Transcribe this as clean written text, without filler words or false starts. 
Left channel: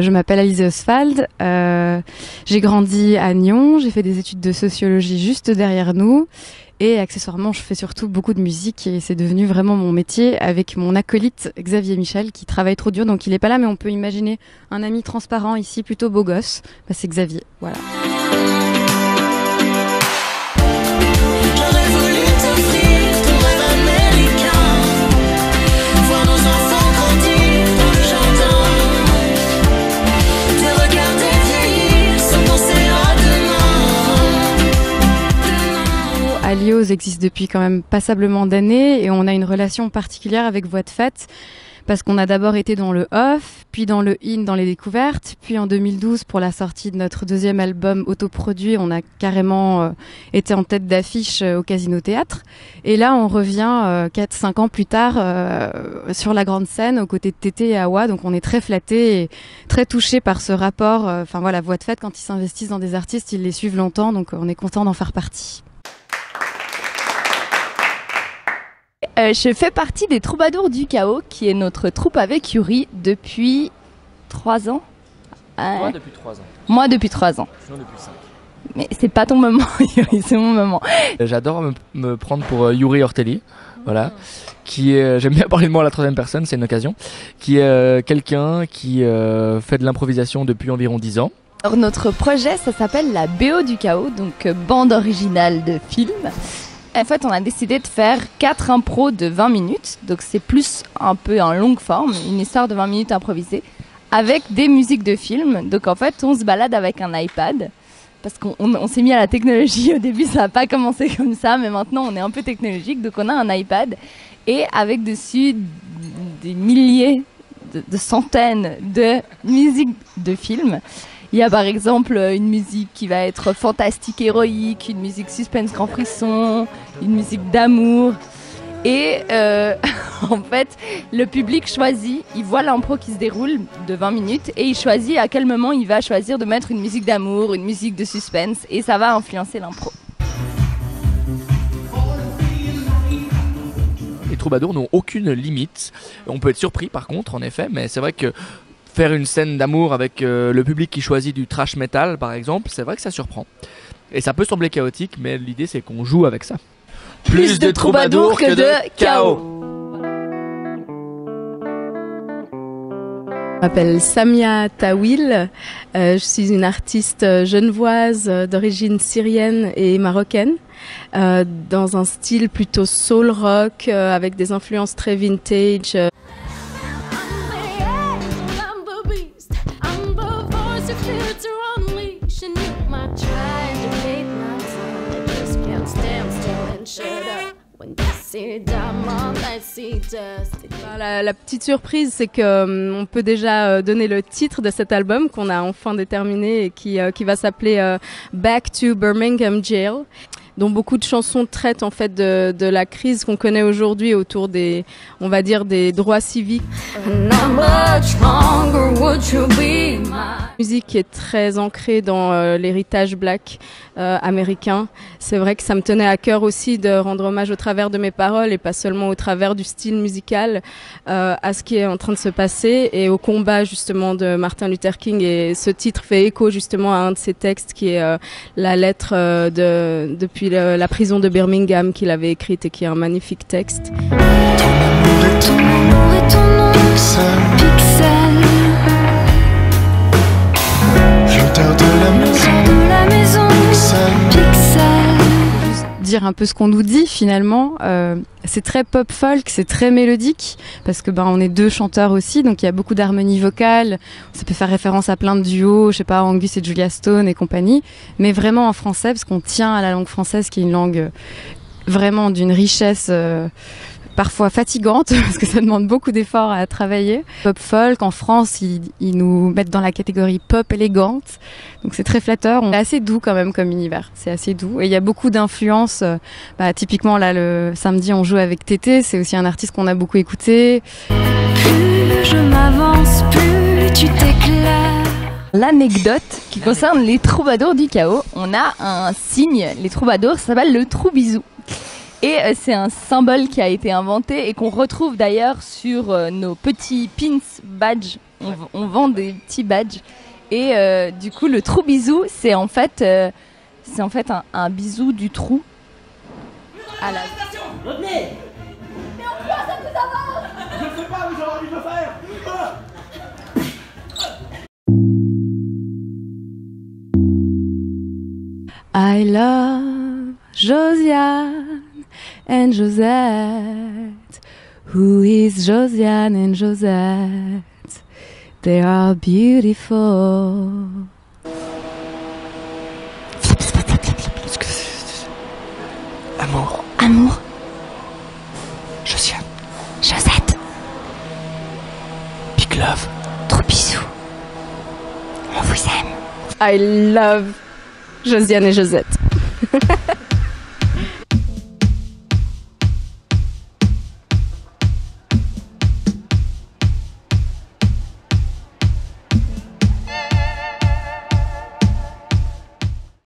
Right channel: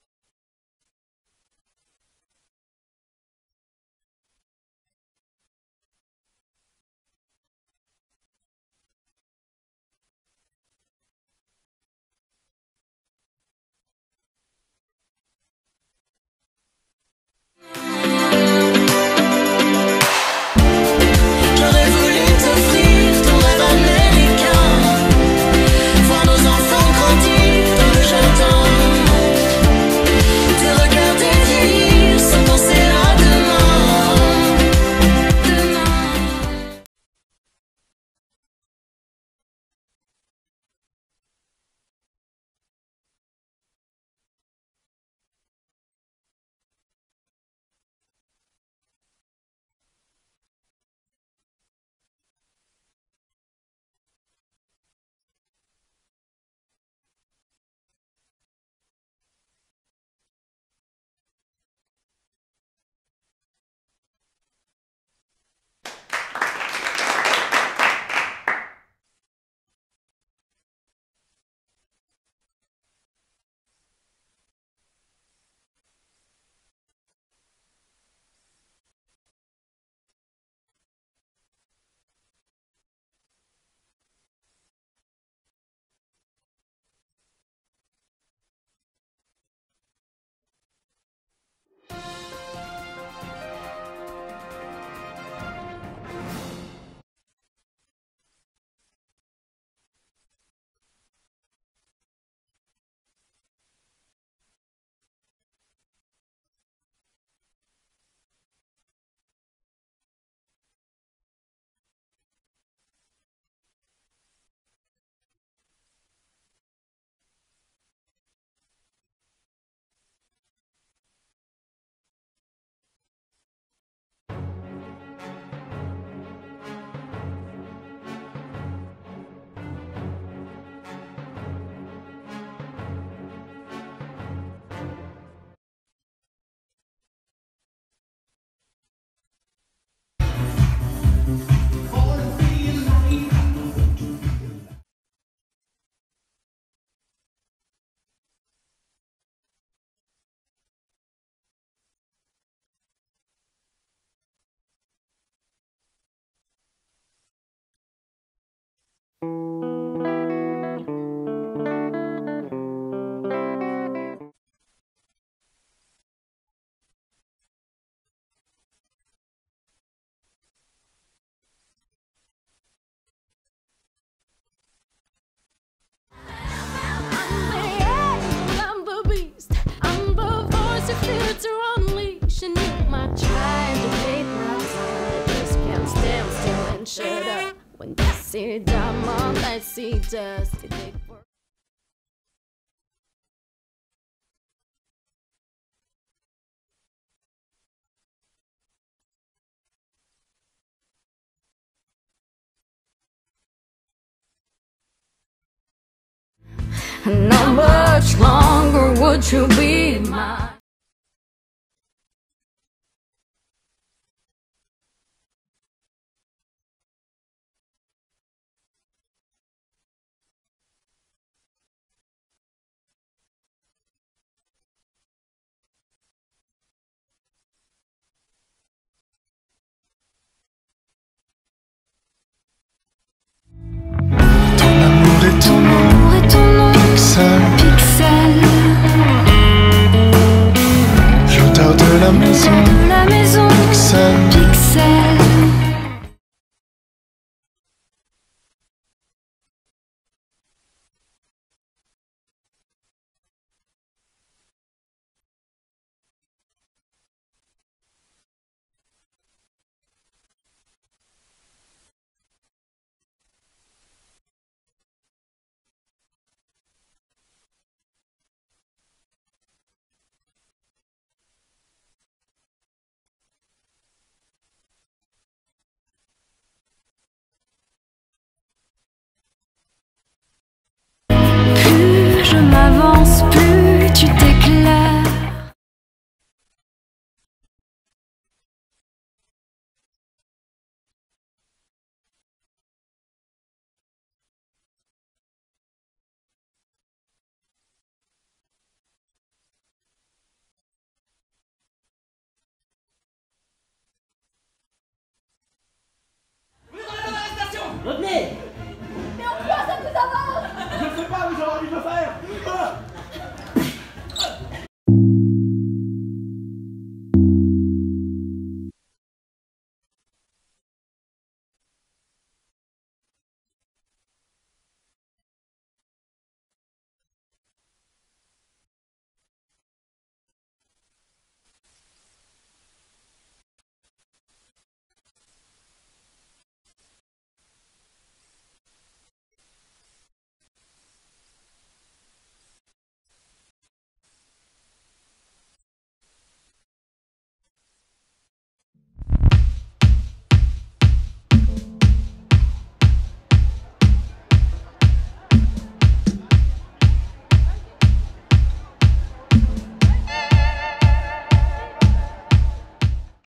Je m'appelle Alizée Oswald, j'ai grandi à Nyon, j'ai fait des études de sociologie juste derrière nous et accessoirement je fais surtout beaucoup de musique et c'est devenu vraiment mon métier avec mon acolyte Xavier Michel qui travaille trop dur, donc il est pas là mais on peut imaginer un ami transparent ici, plutôt beau gosse, c'est Xavier, voilà. J'aurais voulu t'offrir ton rêve américain, voir nos enfants grandir dans le jardin, te regarder vieillir sans penser à demain. Alios existe depuis quand même passablement d'années et on a une relation particulière avec Voix de Fête parce qu'on a d'abord été dans le off, puis dans le in, dans les découvertes, puis en 2012 pour la sortie de notre deuxième album autoproduit, on a carrément été en tête d'affiche au Casino Théâtre. Et là, on revient 4-5 ans plus tard sur la grande scène aux côtés de Tété et Awa, donc on est très flattés et très touchés par ce rapport. Enfin voilà, Voix de Fête, quand ils s'investissent dans des artistes, ils les suivent longtemps, donc on est content d'en faire partie. Je fais partie des Troubadours du Chaos, qui est notre troupe avec Yuri depuis 3 ans. Moi depuis 3 ans. Moi depuis 3 ans. Sinon depuis 5. Mais c'est pas ton moment, Yuri, c'est mon moment. J'adore me prendre pour Yuri Ortelli, voilà, qui est, j'aime bien parler de moi à la troisième personne, c'est une occasion, qui est quelqu'un qui fait de l'improvisation depuis environ 10 ans. Alors notre projet, ça s'appelle la BO du Chaos, donc bande originale de film. En fait, on a décidé de faire 4 impros de 20 minutes, donc c'est plus un peu en longue forme, une histoire de 20 minutes improvisée, avec des musiques de film. Donc en fait, on se balade avec un iPad, parce qu'on s'est mis à la technologie. Au début, ça n'a pas commencé comme ça, mais maintenant, on est un peu technologique. Donc on a un iPad, et avec dessus des milliers, de centaines de musiques de films. Il y a par exemple une musique qui va être fantastique, héroïque, une musique suspense grand frisson, une musique d'amour. Et en fait, le public choisit, il voit l'impro qui se déroule de 20 minutes et il choisit à quel moment il va choisir de mettre une musique d'amour, une musique de suspense, et ça va influencer l'impro. Les troubadours n'ont aucune limite. On peut être surpris par contre, en effet, mais c'est vrai que faire une scène d'amour avec le public qui choisit du trash metal, par exemple, c'est vrai que ça surprend. Et ça peut sembler chaotique, mais l'idée c'est qu'on joue avec ça. Plus de troubadours que de chaos. Je m'appelle Samia Tawil, je suis une artiste genevoise d'origine syrienne et marocaine, dans un style plutôt soul rock avec des influences très vintage. La petite surprise, c'est qu'on peut déjà donner le titre de cet album qu'on a enfin déterminé et qui va s'appeler Back to Birmingham Jail, dont beaucoup de chansons traitent en fait de la crise qu'on connaît aujourd'hui autour des, on va dire, des droits civiques. La musique qui est très ancrée dans l'héritage black américain. C'est vrai que ça me tenait à cœur aussi de rendre hommage au travers de mes paroles et pas seulement au travers du style musical à ce qui est en train de se passer et au combat justement de Martin Luther King. Et ce titre fait écho justement à un de ses textes qui est la lettre depuis la prison de Birmingham qu'il avait écrite et qui est un magnifique texte. Ton amour est ton nom, pixel. L'odeur de la maison, pixel. Dire un peu ce qu'on nous dit finalement, c'est très pop folk, c'est très mélodique parce que on est 2 chanteurs aussi, donc il y a beaucoup d'harmonie vocale. Ça peut faire référence à plein de duos, je sais pas, Angus et Julia Stone et compagnie, mais vraiment en français parce qu'on tient à la langue française qui est une langue vraiment d'une richesse parfois fatigante parce que ça demande beaucoup d'efforts à travailler. Pop folk en France, ils nous mettent dans la catégorie pop élégante, donc c'est très flatteur. On est assez doux quand même comme univers, c'est assez doux et il y a beaucoup d'influences. Typiquement là le samedi on joue avec Tété, c'est aussi un artiste qu'on a beaucoup écouté. Plus je m'avance, plus tu t'éclaires. L'anecdote qui concerne les troubadours du chaos, on a un signe, les troubadours, ça s'appelle le trou-bisou. Et c'est un symbole qui a été inventé et qu'on retrouve d'ailleurs sur nos petits pins badges. on vend des petits badges. Et du coup, le trou bisou, c'est en fait un bisou du trou. Revenez. Mais en quoi ça vous avance? Je ne sais pas, mais j'aurais envie de le faire. I love Josiane and Josette. Who is Josiane and Josette? They are beautiful. Amour. Amour. Josiane. Josette. Big love. Trop bisous. On vous aime. I love Josiane et Josette.